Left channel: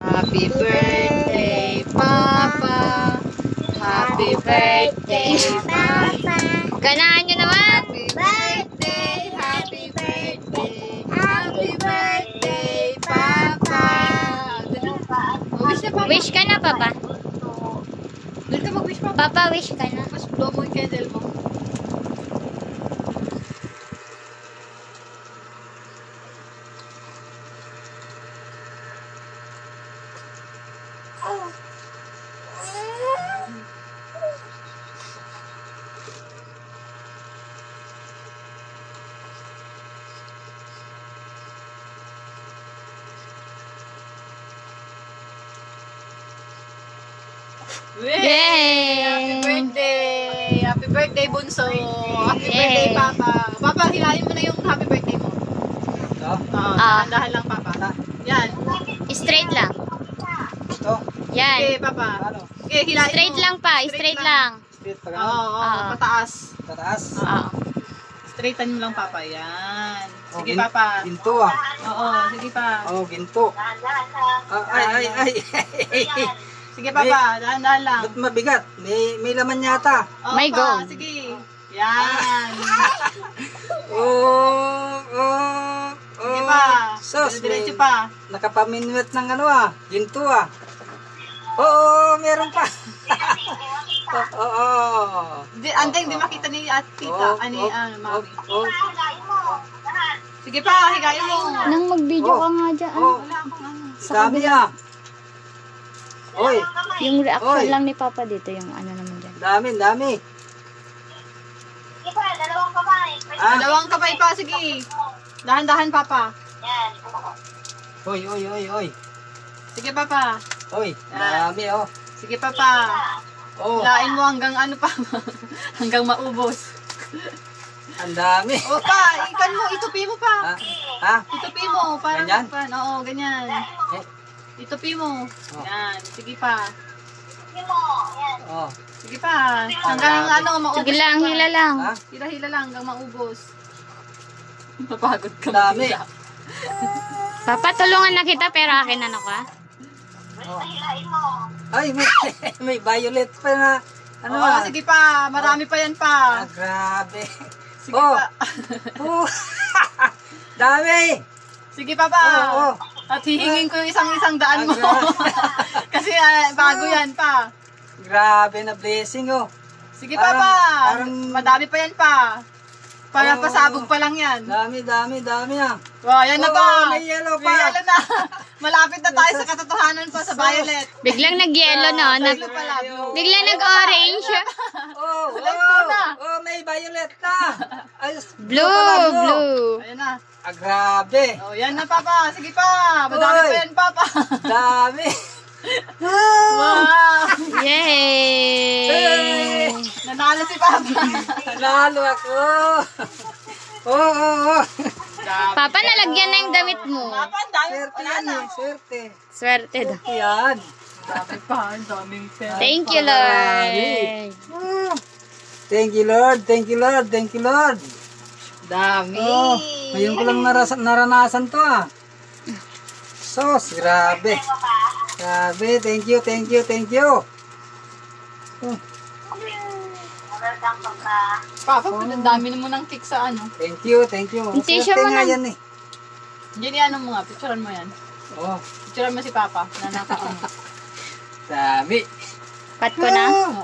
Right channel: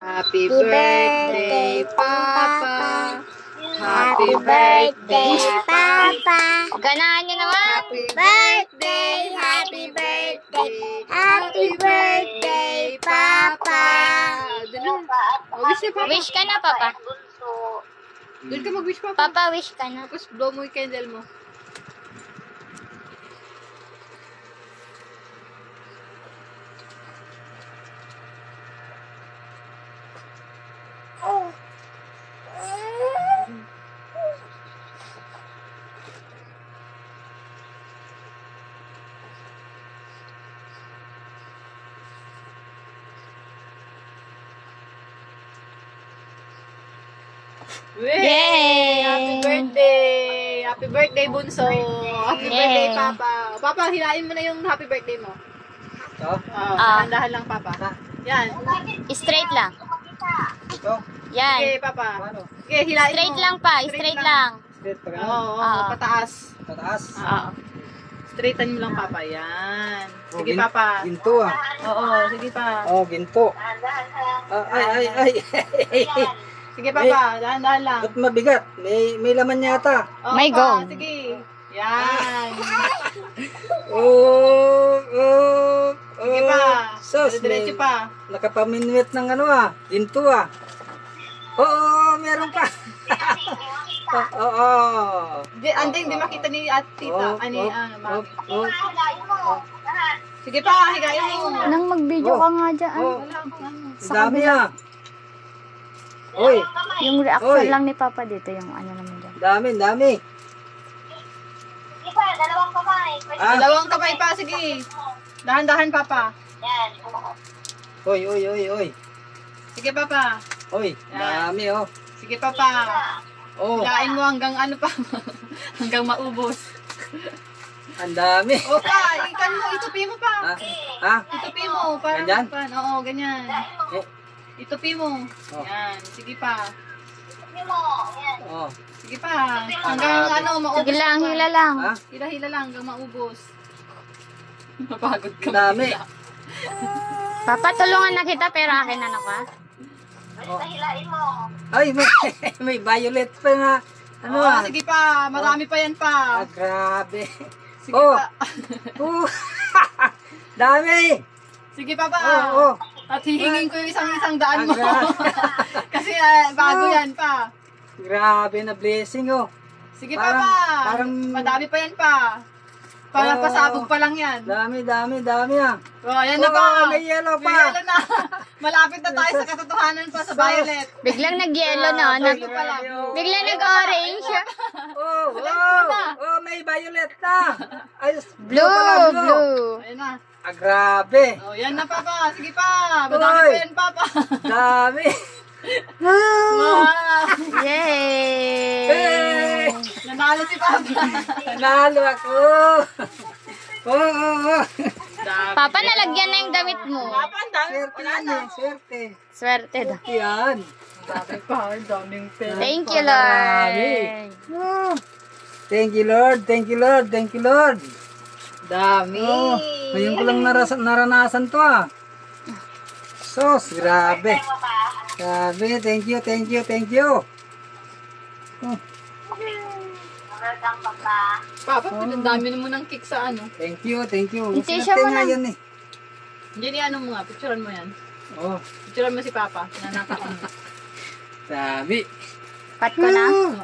Happy birthday, Papa. Happy birthday, Papa. Ganahan nyo naman. Happy birthday, happy birthday, happy birthday, Papa. Wish na, Papa. Wish ka na, Papa. Doon ka mag-wish, Papa. Papa, wish ka na. Tapos blow mo yung candle mo. Yay! Happy birthday! Happy birthday, Bunso! Happy birthday, Papa! Papa, hilain mo na yung happy birthday mo. Ito? Dahan-dahan lang, Papa. Yan. Straight lang. Ito? Yan. Okay, Papa. Ano? Okay, hilain Straight mo. lang pa. Straight lang. Straight pa Oo, gano'n? oo, pataas. Pataas? Oo. Straighten mo lang, Papa. Yan. Sige, Oh, Papa. Ginto ah. Oo, sige pa. Oh, ginto. Ay. Sige, Papa. Dahan-dahan lang. Ba't mabigat? May laman yata. Oo, May pa, gold. sige. Yan. Sige pa. Sos, Diretso pa. Nakapaminwet ng ano ah. Ginto ah. Oo, meron pa. Oo. Andeng, di makita ni tita. Mami. Sige pa, higayin mo. Nang mag-video ka nga dyan. Wala akong ano. Dami ah. Oy, Yung reaction Oy. lang ni Papa dito, yung ano naman dyan. dami. Ah, Dalawang kamay pa, sige. Dahan-dahan, Papa. oy. Sige, Papa. Oy, dami oh. Sige, Papa. Oh, Hilain mo hanggang ano pa. Hanggang maubos. ang dami. O pa, ikan mo, itupi mo pa. Ah, Itupi mo. Para Ganyan? Oo, ganyan. eh, Itupi mo. Oh. Yan. Sige pa. oh. Sige pa. Hanggang ano, maubos. Sige lang, pa. hila lang. Ha? Hila-hila lang hanggang maubos. Mapagod ka. Dami. magila. Papa, tulungan na kita pero akin ano ka? Ay, may violet pa na. Ano Oo, ah? sige pa. Marami pa yan pa. Ah, grabe. Sige Oh. pa. Oh. Dami. Sige pa pa. Oh. At hihingin ko yung isang daan mo. Kasi bago yan pa. Grabe na blessing oh. Sige Parang- pa. parang- Madami pa yan pa. Para Oh. pasabog pa lang yan. Dami ah. Oh, yan na Oh, pa. may yellow May pa. yellow na. Malapit na tayo sa katotohanan pa sa violet. Biglang nag-yellow no? Yellow pala. Biglang nag-orange. Oh, may violet na. Ay, Blue. Ayun na. Ah, grabe. Oh, yan na papa. Sige pa. Madami pa Oy. yan papa. Dami. Wow. Yay! Hey! Nanalo si papa. Nalo ako. Oh. Dami. Papa, nalagyan na yung damit mo. Papa, ang dami. Swerte Wala yan na. eh, swerte. Swerte daw. Yan. Dami pa. Ang daming pera. Thank you, Lord. Oh. Thank you, Lord. Dami. Oh, ngayon ko lang naranasan to ah. Sos, grabe. Grabe, thank you. Oh, Papa, ang dami mo ng cake sa ano. thank you. Yung t-shirt Swerte mo nga na. yan eh. Hindi ano mo nga. Picturean mo yan. Oh, Picturean mo si papa. Na naka ano. dami. Pat ko na. Oo.